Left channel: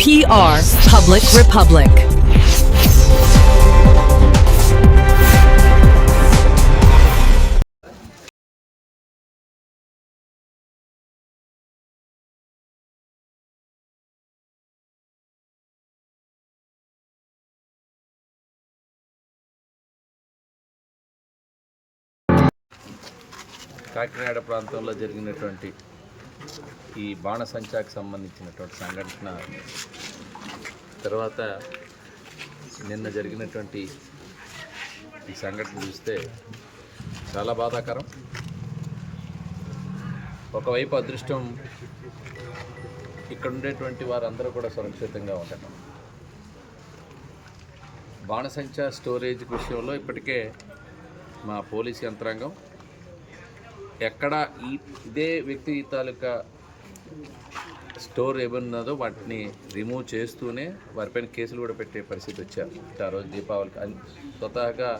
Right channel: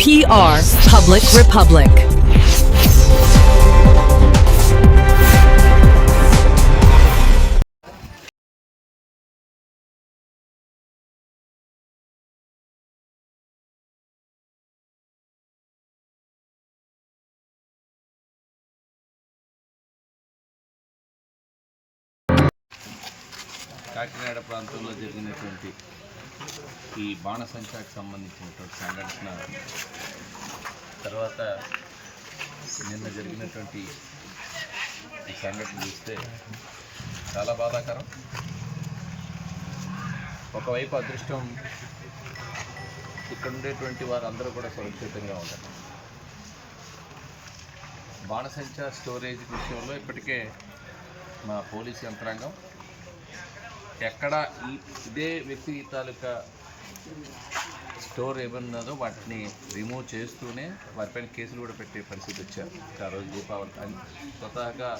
PR Public Republic. Kakinada ప్రాంతంలో జరిగినటువంటి ఈ బాణసంచాకి సంబంధించినటువంటి సంఘటన తర్వాత నిన్న జరిగినటువంటి ఈ సంఘటన చూస్తే చాలా బాధాకరం. ఒకవైపు అదృష్టం ఇక్కడ ఉండేటువంటి వారందరూ కూడా సురక్షితంగా ఉంటారు. బాణసంచా స్టోరేజ్ విషయంలో ఇప్పటికే మా పోలీస్ యంత్రాంగం ఎక్కడ ఇదే వ్యక్తి తాలూకా స్టోర్ ఏమన్నదో వాటిని రిమూవ్ చేస్తూనే వారిపైన కేసులు కూడా పెట్టే పరిస్థితి వచ్చారు. ఆ రోజు దీపావళి అని స్వతహాగా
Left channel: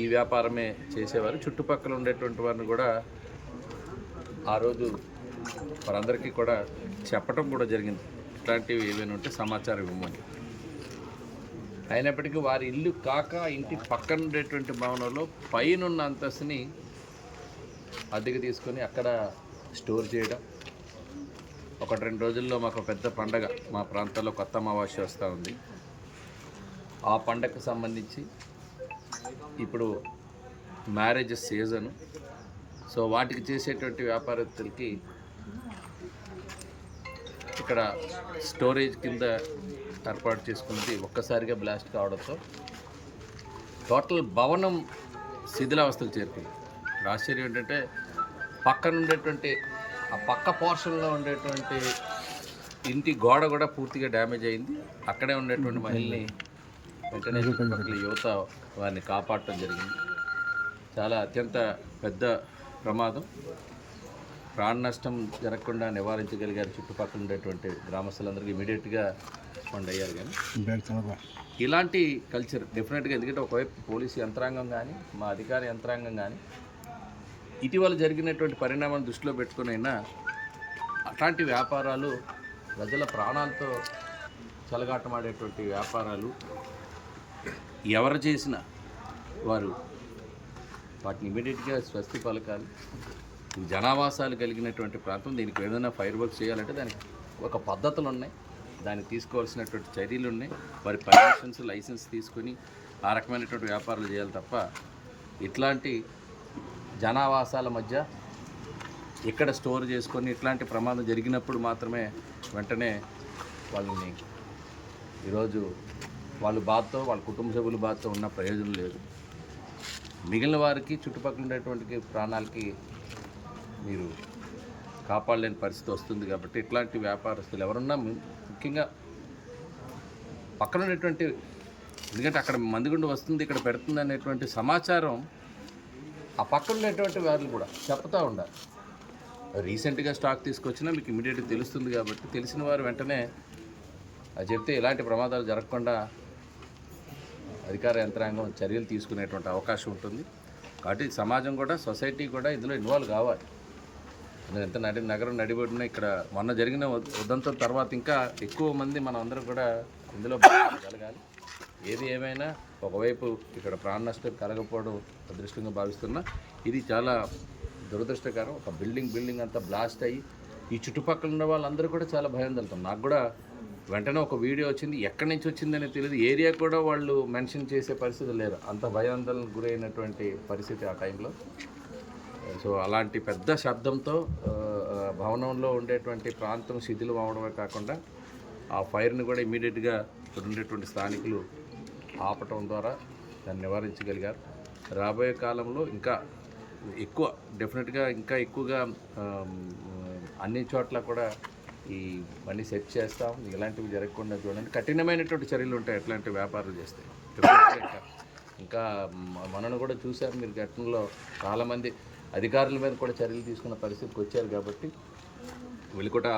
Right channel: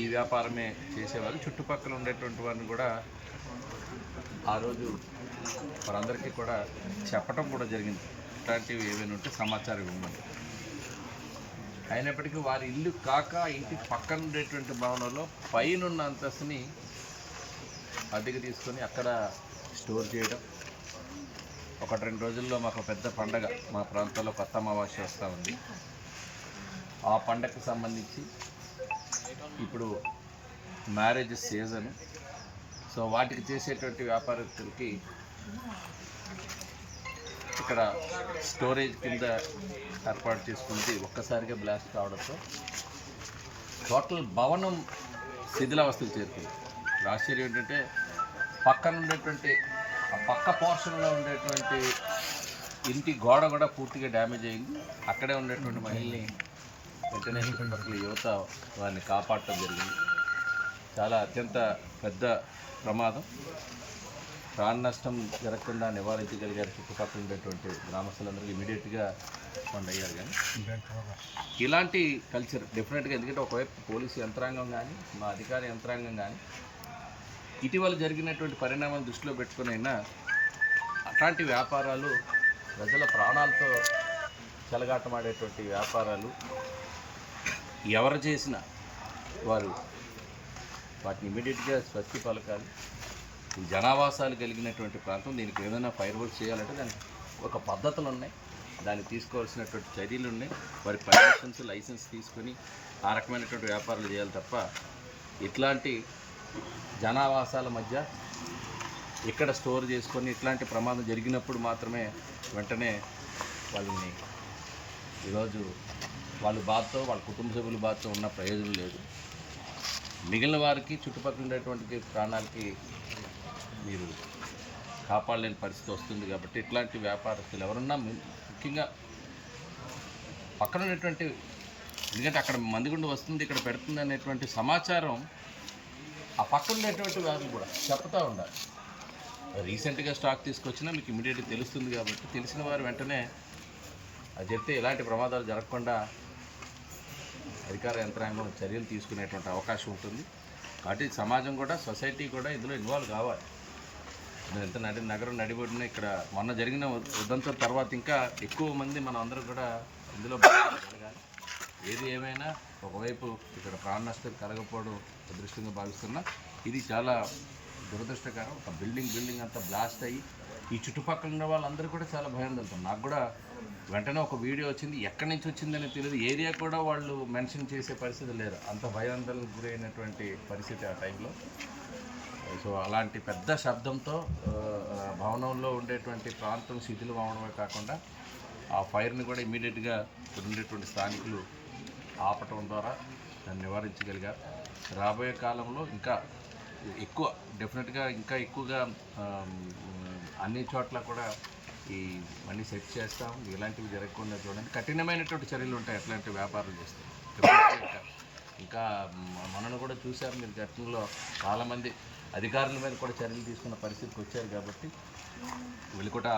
ఈ వ్యాపారమే చేసేవారు. చుట్టుపక్కల ఉండేటువంటి వారిని కూడా ఆ రోజు వారందరికీ కూడా చెప్పడం కూడా జరిగింది, ఇట్లాంటివి ఏమైనా ఉంటే సమాచారం ఇవ్వమని. అయినప్పటికీ వారి ఇల్లు కాక ఇంటి పక్కన ఉండేటువంటి భవనంలో పైనున్న అంతస్తుని అద్దెకి తీసుకొని అక్కడ స్టోర్ చేయడం. 1-2 రోజుల్లో మాకు పెద్ద పండగ మా ప్రాంతాల్లో కొత్త అమావాస్య వస్తూ ఉంది. ఆ పండగకు సంబంధించి ఇప్పుడు మ్యారేజ్ సీజన్, సో వాటికి చేసేటువంటి వ్యాపారస్తులకి ఇక్కడ స్టోరేజ్ కింద ఏర్పాటు చేసుకుంది. ఒక్కసారిగా బ్లాస్ట్ కావడంతో టోటల్ భవనం శిథిలావస్థలు చేరుకుంది. ఆశ్చర్యం ఏంటంటే పక్కన ఉండేటువంటి ఆ పక్క పోర్షన్లో ఉండేటువంటి ఇంటి గోడ కూడా పూర్తిగా డ్యామేజ్ అయింది. అక్కడే ఉండేటువంటి మహిళని వెంటనే చుట్టుపక్కల యువత వారిని కాపాడటం జరిగింది. చాలా అత్యంత పెద్ద ప్రమాదం. ప్రాణ నష్టం జరగకుండా నివారించగలిగారు చుట్టుపక్కల ఉండేటువంటి గ్రామస్తులందరికీ ఇమీడియట్గా రెస్పాండ్ అయ్యారు. కానీ ఇలాంటి కల్చర్ డెఫినెట్గా, ఎందుకంటే ఒకవైపు పోలీసు యంత్రాంగం కానీ మా అధికార యంత్రాంగం కానీ ఇటీవల జరిగినటువంటి పరిణామాలను దృష్టిలో పెట్టుకుని అయినా అట్లాంటి వ్యాపారాలు ప్రజల ప్రాణాలతో చెలగాటమాడేటువంటి వ్యాపారాలు ఎవరు చేసినా వారు వాటిని ఇమీడియట్గా స్వస్తి పలకాలి. జనావాసాలు కలిగినటువంటి ప్రాంతం, దీనికి ఏదైనా ఫైర్ వర్క్స్ చేయాలంటే దానికి ఒక పద్ధతులు ఉన్నాయి, దానికి తీసుకోవాల్సినటువంటి చర్యలు ఉన్నాయి. వారి పర్మిషన్స్ లైసెన్స్ తీసుకొని ఆ రకమైనటువంటి వ్యాపారాలు చేయాలి తప్ప ఇట్లాంటి జనావాసాల మధ్య ఇక్కడ స్టోర్ చేసుకొని ఇట్లాంటి ప్రమాదం జరిగినప్పుడు మాత్రమే వెంటనే వాళ్ళని ఈరోజు వాళ్ళ బాధతో వాళ్ళ కుటుంబ సభ్యుల బాధతో ఉన్న ప్రయోజనం లేదు. మిగిలిన వారికి చుట్టుపక్కల ఉండేటువంటి ప్రాణాలకి మీరు కాపాడలేని పరిస్థితి వస్తుంది. కాబట్టి ఇట్లాంటి వ్యాపారస్తులు ఎవరున్నా ముఖ్యంగా పక్కన ఉండేటువంటి, ఎందుకంటే అక్కడ మందిగుండు వస్తుంది ఇక్కడ పెడుతుంది అనేటువంటి సమాచారం ఆ పక్కన ఉండేటువంటి వారు కూడా చెప్తూ ఉండాలి. రీసెంట్గా స్టాక్ తీసుకొచ్చినా మీకు ఇమీడియట్గా తెలుస్తుంది. కాబట్టి తెలిసిన వారు వెంటనే అది చెప్తే ఇలాంటి ప్రమాదాలు జరగకుండా అధికార యంత్రాంగం చర్యలు తీసుకునేటువంటి అవకాశం ఉంటుంది. కాబట్టి సమాజం కూడా, సొసైటీ కూడా ఇందులో ఇన్వాల్వ్ కావాలి. ఎంత నగరం నడిబడిన ఇక్కడ మొన్న జరిగిన ఉదంతం తర్వాత ఇంకా ఎక్కువ మంది మనం అందరూ కూడా ఇందులో జరగాలి. ఏది ఏమైనా ఒకవైపు ఇక్కడ ప్రాణ నష్టం కలగకపోవడం అదృష్టంగా భావిస్తున్నా, ఇది చాలా దురదృష్టకరం. ఒక బిల్డింగ్ అంతా బ్లాస్ట్ అయ్యి ఈ చుట్టుపక్కల ఉన్న వాళ్ళందరూ కూడా చాలా భయాందోళన. నాకు కూడా వెంటనే ఒక వీడియో వచ్చింది, ఎక్కడి నుంచి వచ్చిందని తెలియదు. ఏరియా కూడా వాళ్ళు మెన్షన్ చేసే పరిస్థితి లేదు, అంత భయాందోళనకు గురైనటువంటి పరిస్థితి ఆ టైంలో. సో అలాంటి పెద్ద శబ్దంతో భవనంలో ఉండేటువంటి ప్రాంతం శిథిలం అవడమే కాకుండా ఆ ఫైర్ని కూడా ఇమీడియట్గా ఇక్కడ ఉండేటువంటి స్థానికులు ఆపటం ద్వారా దాన్ని నివారించగలిగారు. రాబోయే కాలంలో ఇంకా ఎక్కువ డెఫినెట్గా ఇంకా ఎక్కువగా అన్ని చోట్ల కూడా ఈ మళ్ళీ సెట్ చేస్తాం. ఇలాంటివి జరగకుండా చూడండి, కఠినమైనటువంటి చర్యలు ఉంటాయి అట్లాంటి వ్యాపారాలు చేస్తాం. ఇంకా మనను కూడా చూశారు మీరు, ఘటనలో చాలామంది అధికారుల మీద కూడా చర్యలు తీసుకున్న పరిస్థితికి వచ్చారు. కాబట్టి వీళ్ళు కూడా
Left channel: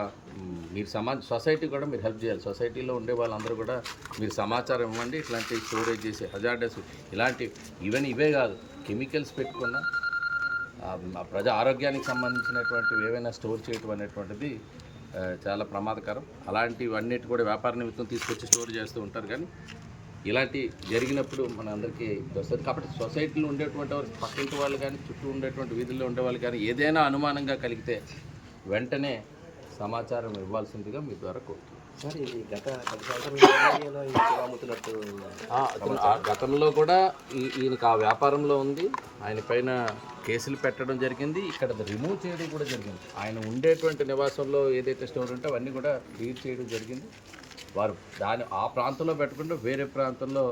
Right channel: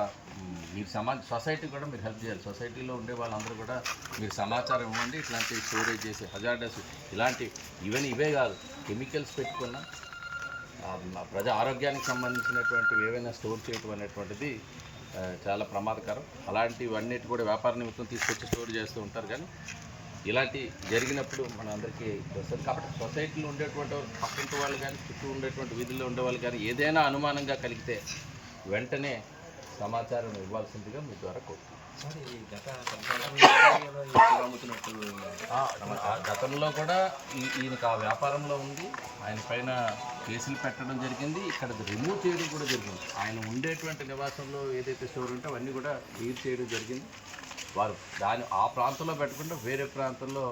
మీరు సొసైటీ కూడా మీరు హెల్ప్ చేయాలి. సొసైటీలో ఉండే వాళ్ళందరూ కూడా మీరు సమాచారం ఇవ్వండి. ఇట్లాంటి స్టోరేజ్ చేసే హజార్డస్ ఇలాంటి ఇవే కాదు, కెమికల్స్ పెట్టుకున్న ప్రజా ఆరోగ్యానికి సంబంధించినటువంటివి ఏవైనా స్టోర్ చేయటం అనేటువంటిది చాలా ప్రమాదకరం. అలాంటివన్నిటి కూడా వ్యాపార నిమిత్తం తీసుకొచ్చి స్టోర్ చేస్తూ ఉంటారు. కానీ ఇలాంటి జరిగినప్పుడు మన అందరికీ వస్తుంది. కాబట్టి సొసైటీలో ఉండేటువంటి పక్కింటి వాళ్ళు కానీ, చుట్టూ ఉండేటువంటి వీధుల్లో ఉండేవాళ్ళు కానీ ఏదైనా అనుమానంగా కలిగితే వెంటనే సమాచారం ఇవ్వాల్సిందిగా మీ ద్వారా కోరుతున్నాను. సార్ ఇది గతంలో కూడా ఈయనకు ఆ వ్యాపారంలో ఉంది. ఆయన పైన కేసులు పెట్టడం జరిగింది. ఇక్కడ రిమూవ్ చేయడం కూడా జరిగింది. ఆయన ఉండేటువంటి నివాసంలో ఏదైతే స్టోర్ ఉంటే అవన్నీ కూడా క్లియర్ చేయడం జరిగింది. వారు ఆ ప్రాంతంలో పెట్టకుండా వేరే ప్రాంతంలో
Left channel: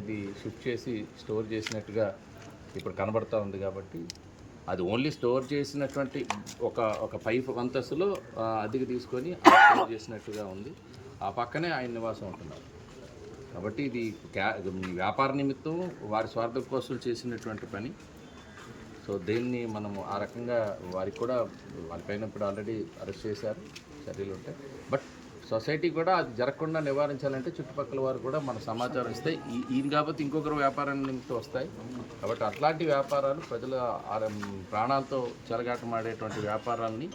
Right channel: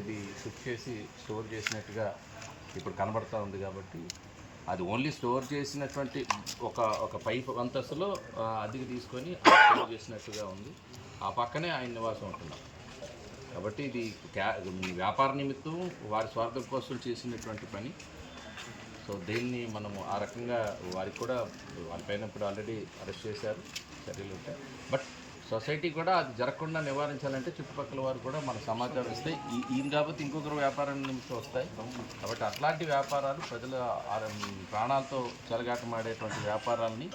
ఇది షిఫ్ట్ చేసి స్టోర్ చేసినట్టుగా ఇప్పుడు కనబడుతూ ఉంది. కాబట్టి అది ఓన్లీ స్టోర్ చేసినటువంటి ఒక పైప్ అంతస్తులో అద్దెకి తీసుకొని స్టోర్ చేసినట్టుగా ఉంది. ఆ పక్కనే ఆయన నివాసం ఉంటున్నారు. కాబట్టి ఇది వ్యాపార నిమిత్తం వారి స్వార్థం కోసం చేసినటువంటి పని. సో దీన్ని మనము ఆ రకంగా వారికి కూడా వాళ్ళపైన ఇప్పుడు ఆల్రెడీ అరెస్ట్ చేశారు, చర్యలు ఉంటాయి. బట్ సొసైటీ కూడా అది జరగకుండా నివారించాలంటే చుట్టుపక్కల వారు కూడా మన సమాచారం ఇస్తే ఈయన కాబట్టి ఇంకొకరు వ్యాపారం నిమిత్తం వస్తాయి. కాబట్టి అట్లాంటి వ్యాపారాలు ప్రజల ప్రాణాలతో చెలగాటమాడేటువంటి వ్యాపారాలని